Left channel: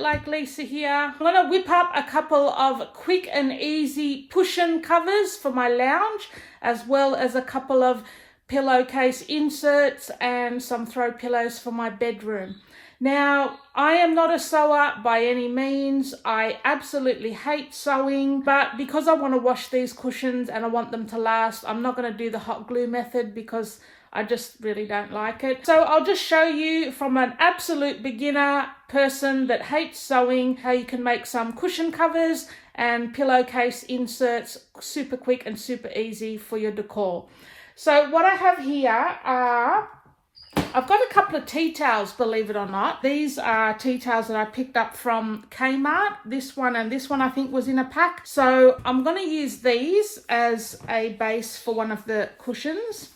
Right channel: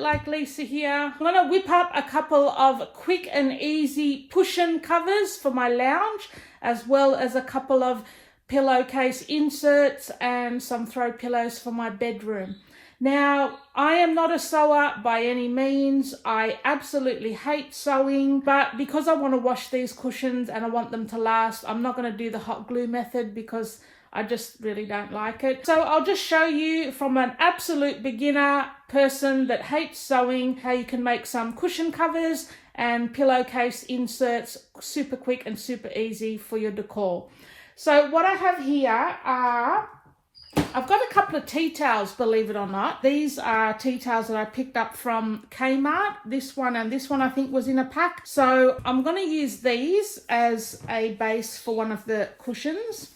LiveItLikeLisa here. I'm going to whip up a couple of quick and easy cushion covers for my lounge, as well as a couple of pillowcase inserts and some throw pillows for my bedroom. Now, I am not a sewer by any means. I absolutely hate sewing, but because I want to wash these cushions and I want them to last, I'm not going to do the hot glue method because I just really don't like it. So I'll just show you from an absolute beginner person that hates sewing how you can make some cushion covers and pillowcase inserts super quick and super easy for your decor. So what I have here are, I've got a couple of tea towels, believe it or not. These are tea towels that I picked up from Kmart. This one and this one I think was in a pack. So I'm going to use these as a base for one of the cushions.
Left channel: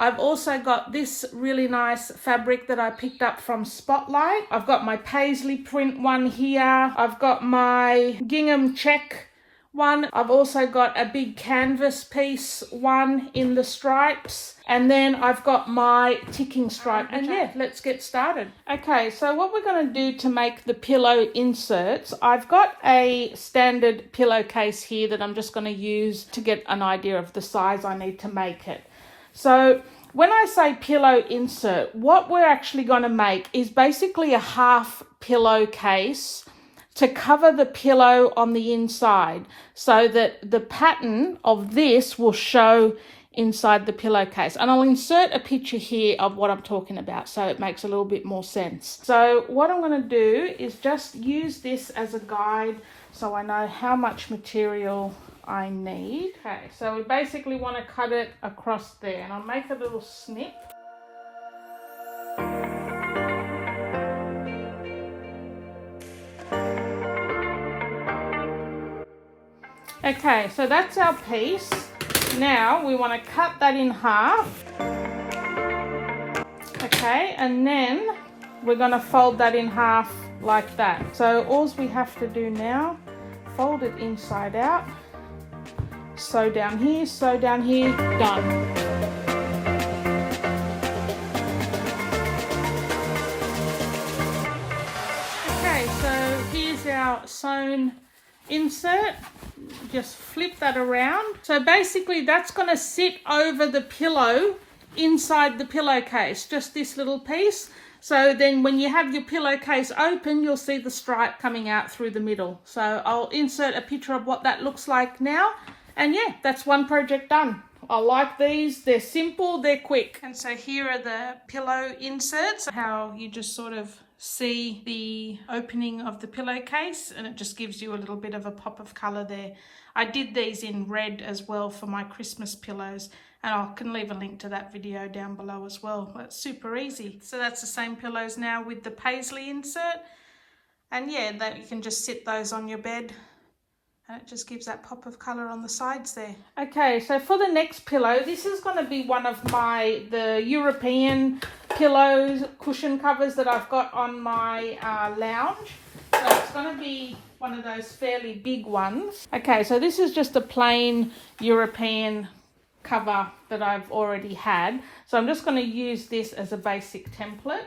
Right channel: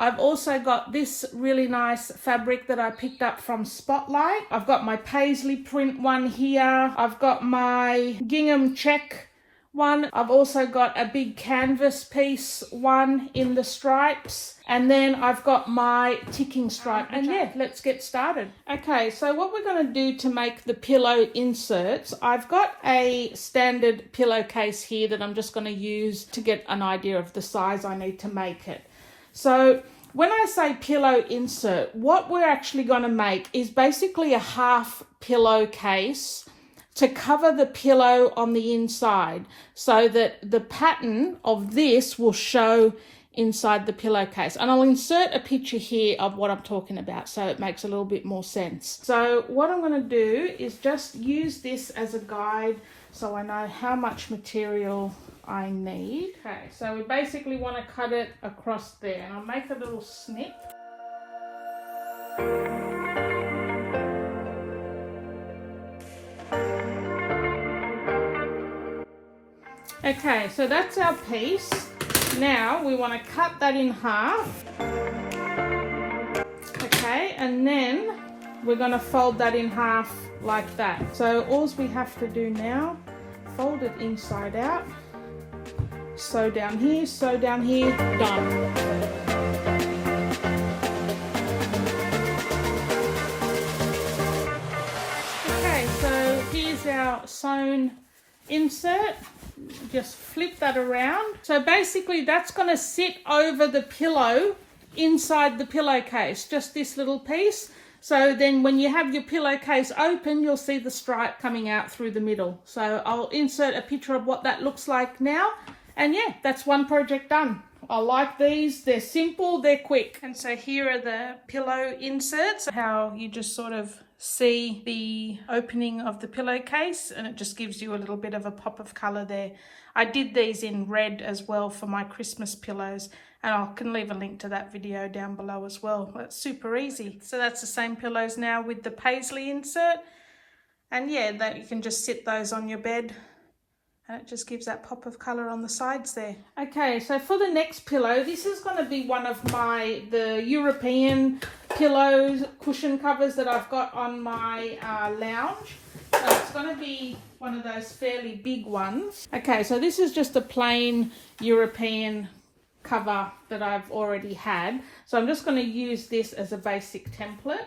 I've also got this really nice fabric that I picked up from Spotlight. I've got my paisley print one here. I've got my gingham check one. I've also got a big canvas piece one in the stripes. And then I've got my ticking stripe. And yeah, let's get started. Okay, so what we're going to do to make the pillow inserts, I've got a standard pillowcase here that I'm just going to use to get an idea of the size I need to make it. So when I say pillow insert, what we're actually going to make is basically a half pillowcase to cover the pillow on the inside so that the pattern of this will show inside the pillowcase. And I'll insert a picture here of what I'm talking about so it makes a little bit more sense. So what I'm going to do is just use this as a guide so I know how much material I need. Okay, so we basically want to cut it across there, and I'll make a little snip. Okay, so that's our piece. Now we want to cut that in half. Okay, and then we're going to fold that in half like that. So all we have to do now, fold it inside out. Sew down here, done. Okay, so here's our sewn insert. Just flip that around. So basically that's going to sit over the pillow inside the pillowcase, just this little piece. So then when you have your pillowcase open, you'll see the stripe coming out through the middle. So I'll insert a picture of what that looks like now. And yeah, that's one project done. I like these. They're simple, they're quick. And so here are the pillow inserts, how you just sort of see the opening of the pillowcase, and it just gives you a little bit of a pop of color there. I did these in red as well for my Christmas pillows, and I can leave a link to that video down below as well. It's super easy. So that's the same pillows now with the paisley insert. And yeah, that you can just sit those on your bed. And it just gives that pop of colour on the sides there. Okay, so for the next pillow, this is going to be one of the European pillows, cushion covers that I've got on my lounge. So it's going to be one of those fairly big ones. Okay, so this is just a plain European cover that I've already had. So I'm just going to use this as a basic template,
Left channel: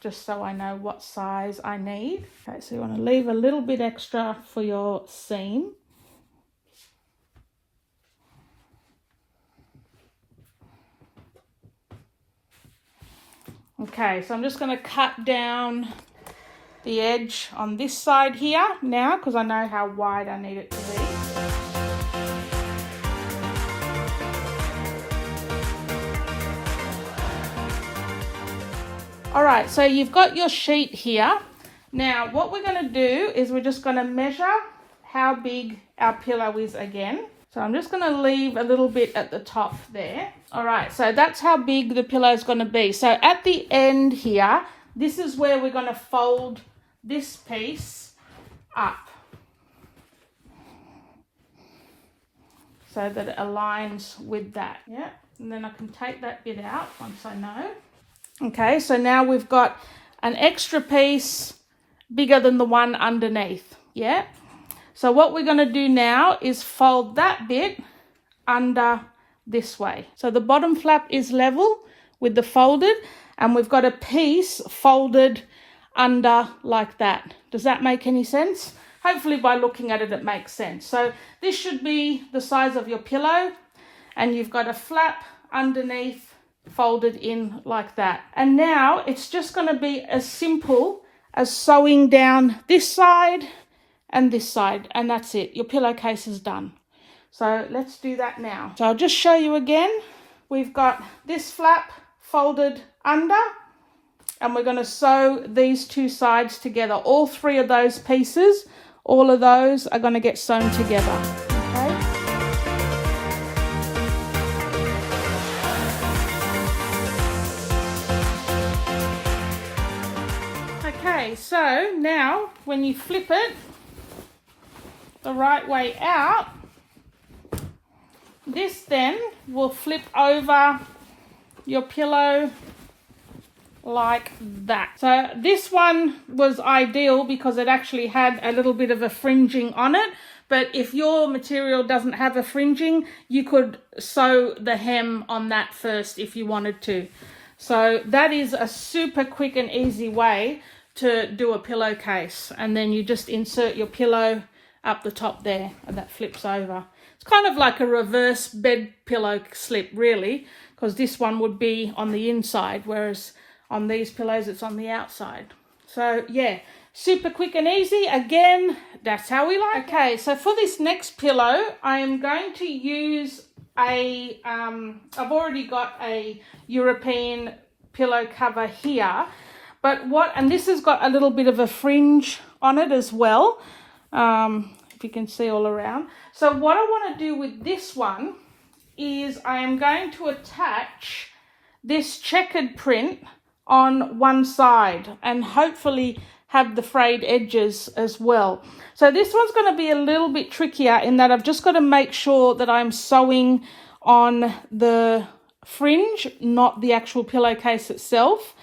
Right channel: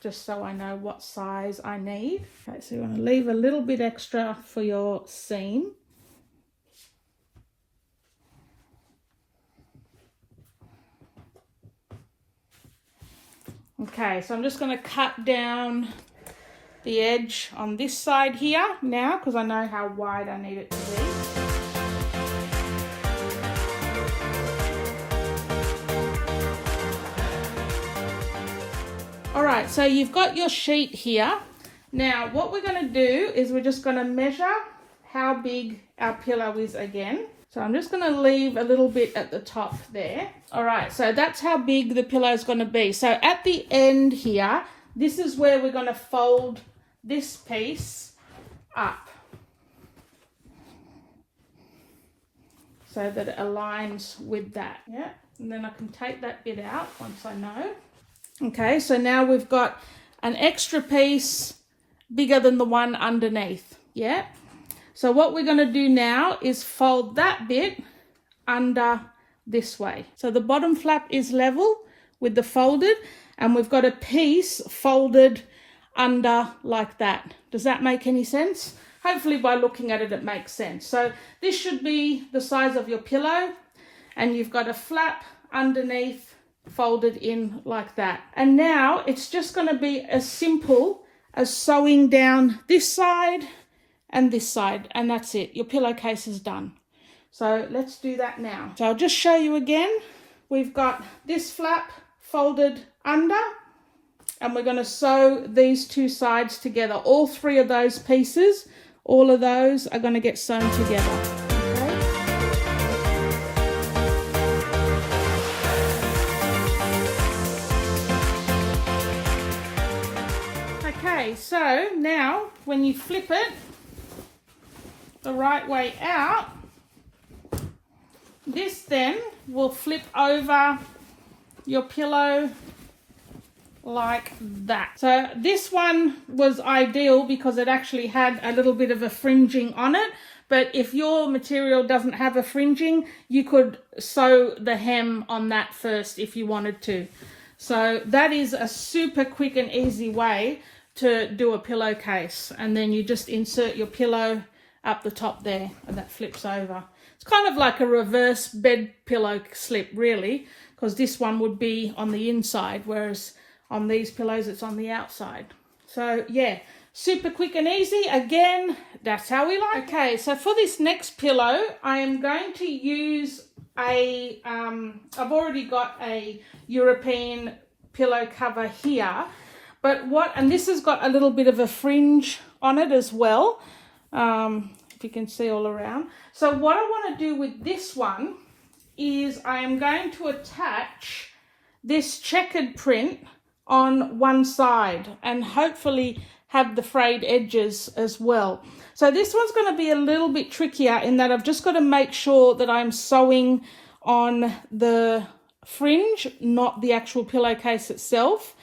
just so I know what size I need. Okay, so you want to leave a little bit extra for your seam. Okay, so I'm just going to cut down the edge on this side here now, because I know how wide I need it to be. All right, so you've got your sheet here. Now, what we're going to do is we're just going to measure how big our pillow is again. So I'm just going to leave a little bit at the top there. All right, so that's how big the pillow is going to be. So at the end here, this is where we're going to fold this piece up so that it aligns with that. Yeah, and then I can take that bit out once I know. Okay, so now we've got an extra piece bigger than the one underneath. Yeah, so what we're going to do now is fold that bit under this way. So the bottom flap is level with the folded, and we've got a piece folded under like that. Does that make any sense? Hopefully by looking at it, it makes sense. So this should be the size of your pillow, and you've got a flap underneath folded in like that. And now it's just going to be as simple as sewing down this side and this side, and that's it. Your pillowcase is done. So let's do that now. So I'll just show you again. We've got this flap folded under, and we're going to sew these two sides together. All three of those pieces, all of those are going to get sewn together. Okay, so now when you flip it the right way out, this then will flip over your pillow like that. So this one was ideal because it actually had a little bit of a fringing on it, but if your material doesn't have a fringing, you could sew the hem on that first if you wanted to. So that is a super quick and easy way to do a pillowcase, and then you just insert your pillow up the top there, and that flips over. It's kind of like a reverse bed pillow slip, really, because this one would be on the inside, whereas on these pillows it's on the outside. So yeah, super quick and easy. Again, that's how we like. Okay, so for this next pillow, I am going to use a I've already got a European pillow cover here, but and this has got a little bit of a fringe on it as well, if you can see all around. So what I want to do with this one is I am going to attach this checkered print on one side and hopefully have the frayed edges as well. So this one's going to be a little bit trickier in that I've just got to make sure that I'm sewing on the fringe, not the actual pillowcase itself.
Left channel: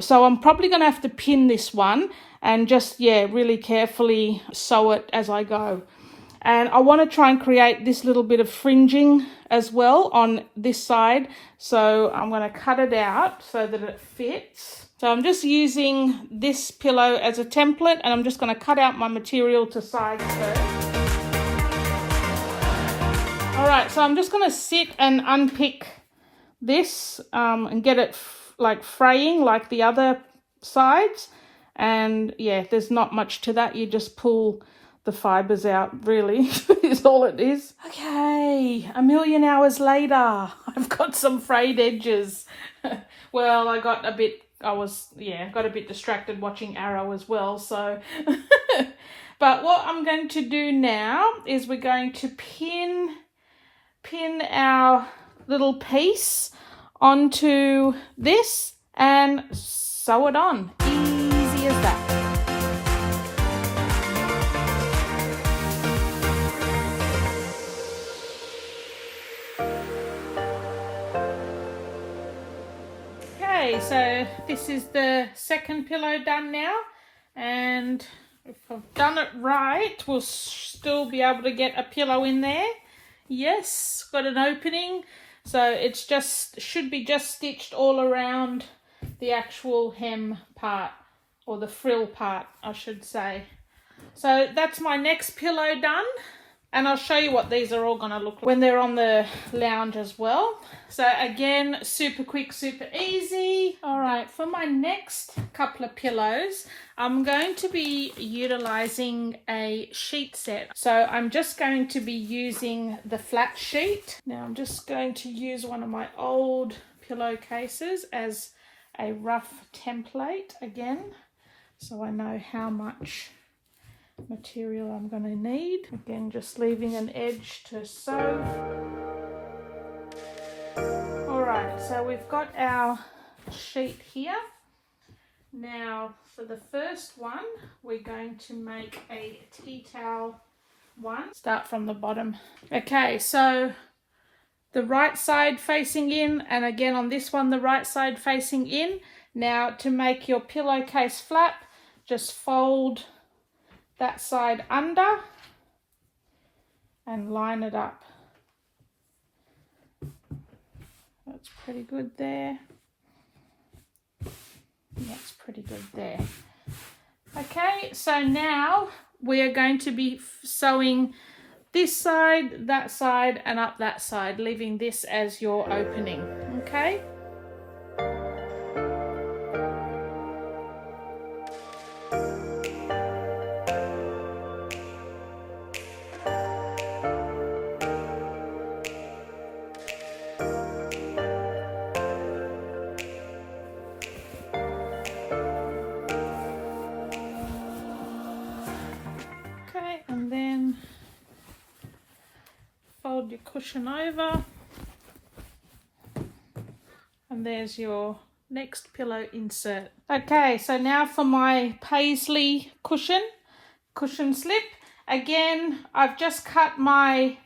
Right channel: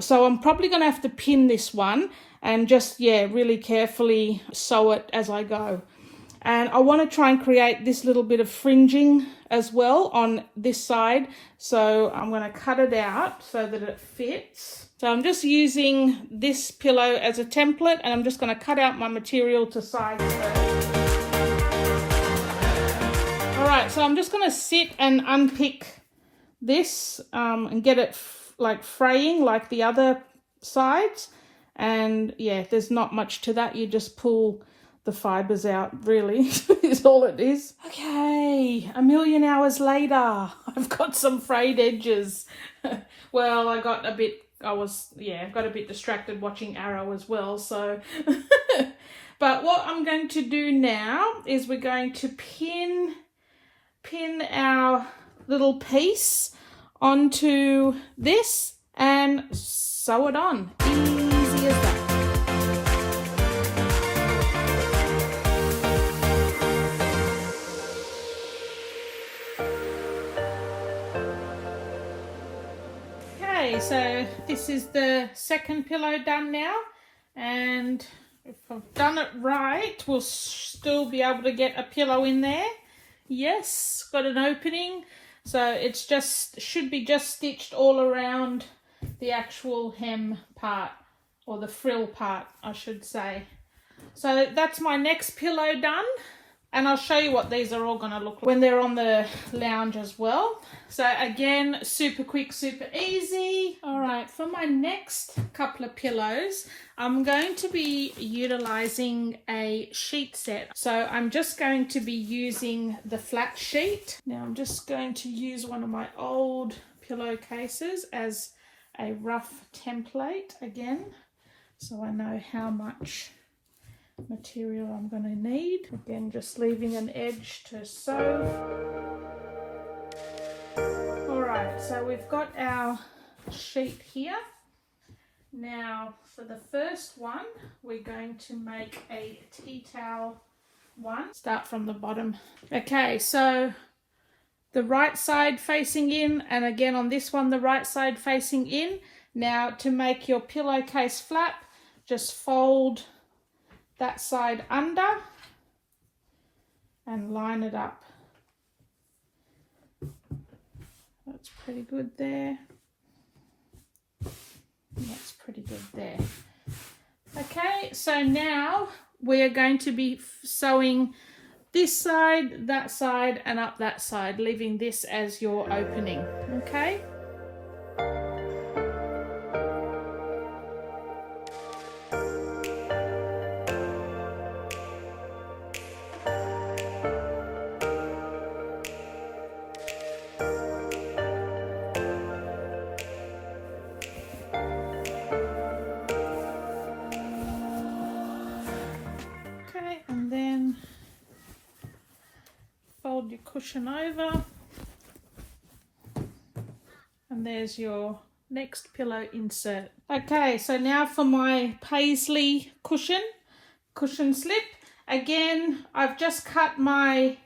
So I'm probably going to have to pin this one and just, yeah, really carefully sew it as I go. And I want to try and create this little bit of fringing as well on this side. So I'm going to cut it out so that it fits. So I'm just using this pillow as a template, and I'm just going to cut out my material to size first. All right, so I'm just going to sit and unpick this and get it like fraying like the other sides. And yeah, there's not much to that. You just pull the fibers out, really, is all it is. Okay, a million hours later, I've got some frayed edges. Well, I got a bit distracted watching Arrow as well, so. But what I'm going to do now is we're going to pin our little piece onto this and sew it on. Easy as that. Okay, so this is the second pillow done now, and if I've done it right, we'll still be able to get a pillow in there. Yes, got an opening. So it's should be just stitched all around the actual hem part, or the frill part, I should say. So that's my next pillow done, and I'll show you what these are all going to look like when they're on the lounge as well. So again, super quick, super easy. All right, for my next couple of pillows, I'm going to be utilizing a sheet set. So I'm just going to be using the flat sheet. Now I'm just going to use one of my old pillowcases as a rough template again, so I know how much material I'm going to need. Again, just leaving an edge to sew. Alright, so we've got our sheet here. Now for the first one, we're going to make a tea towel one. Start from the bottom. Okay, so the right side facing in, and again on this one the right side facing in. Now to make your pillowcase flap, just fold that side under and line it up. That's pretty good there. That's pretty good there. Okay, so now we're going to be sewing this side, that side, and up that side, leaving this as your opening, okay? Okay, and then fold your cushion over, and there's your next pillow insert. Okay, so now for my paisley cushion slip. Again, I've just cut my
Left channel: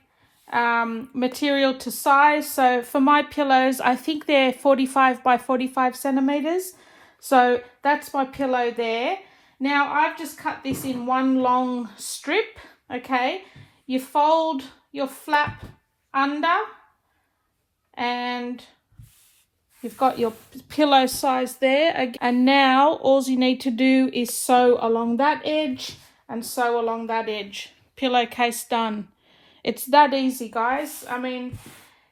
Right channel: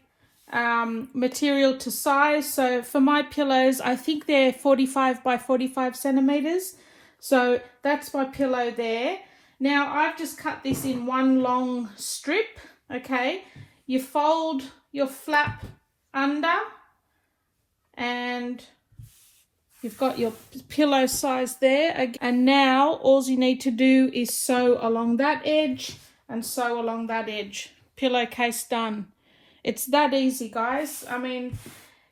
material to size. So for my pillows, I think they're 45 by 45 centimeters. So that's my pillow there. Now I've just cut this in one long strip, okay? You fold your flap under and you've got your pillow size there. And now all you need to do is sew along that edge and sew along that edge. Pillowcase done. It's that easy, guys. I mean,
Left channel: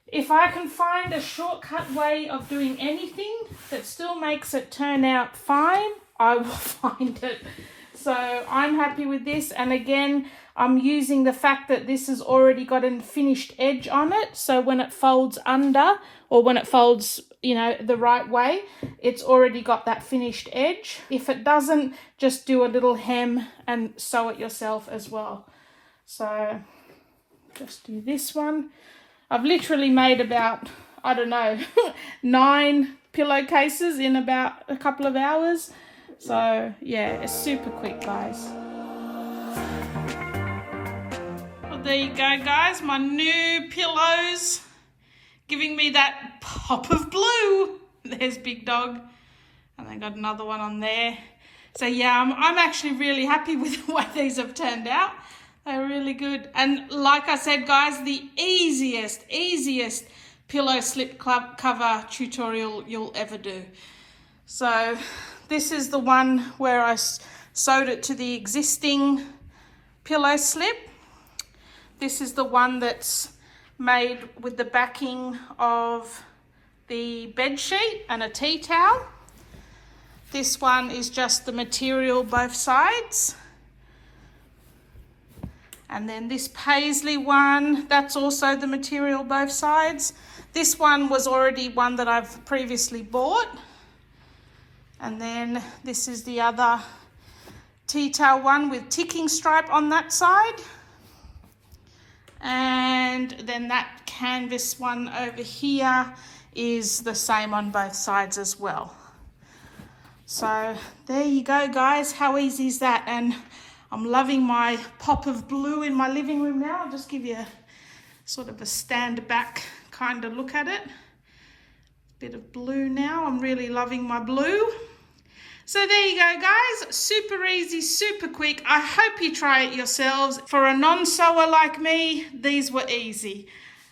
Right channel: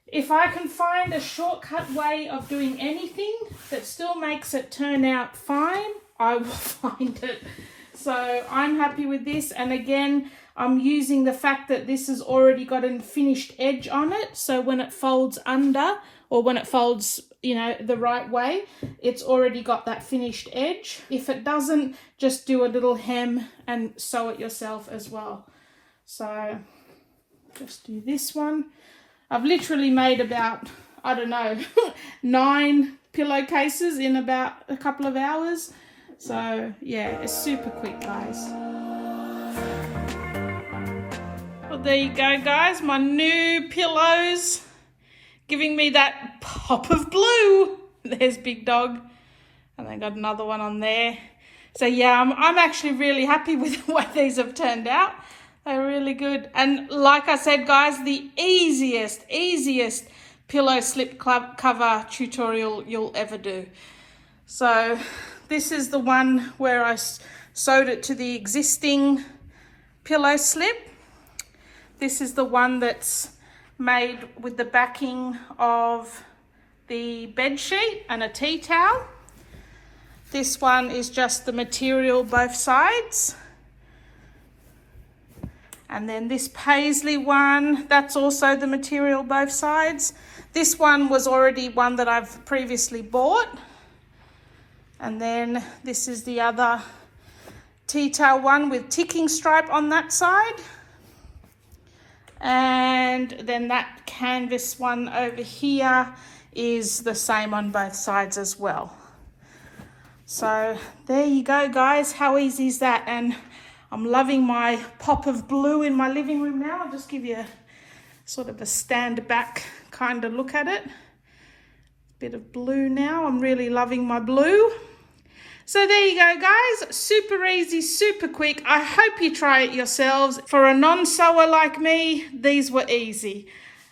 if I can find a shortcut way of doing anything that still makes it turn out fine, I will find it. So I'm happy with this. And again, I'm using the fact that this has already got a finished edge on it. So when it folds under, or when it folds, you know, the right way, it's already got that finished edge. If it doesn't, just do a little hem and sew it yourself as well. So just do this one. I've literally made about, I don't know, 9 pillowcases in about a couple of hours. So yeah, it's super quick, guys. Well, there you go, guys. My new pillows giving me that pop of blue. There's Big Dog. And I got another one on there. So yeah, I'm actually really happy with the way these have turned out. They're really good. And like I said, guys, the easiest pillow slip cover tutorial you'll ever do. So this is the one where I sewed it to the existing pillow slip. This is the one that's made with the backing of the bed sheet and a tea towel. This one is just the material both sides. And then this paisley one, that's also the material both sides. This one was already one that I've previously bought. And then this is the other tea towel one with ticking stripe on that side. And then that canvas one over here is the same on both sides as well. So there you go, guys. How easy is that? And I'm loving my pop of blue in my living room now. I'll just give you a sort of a stand back kind of look at it. Bit of blue now. I'm really loving my blue. So there you go, guys. Super easy, super quick. I hope you try it yourselves. For a non-sewer like me, these were easy.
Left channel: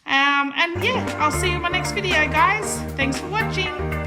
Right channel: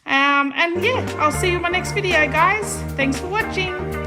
And yeah, I'll see you in my next video, guys. Thanks for watching.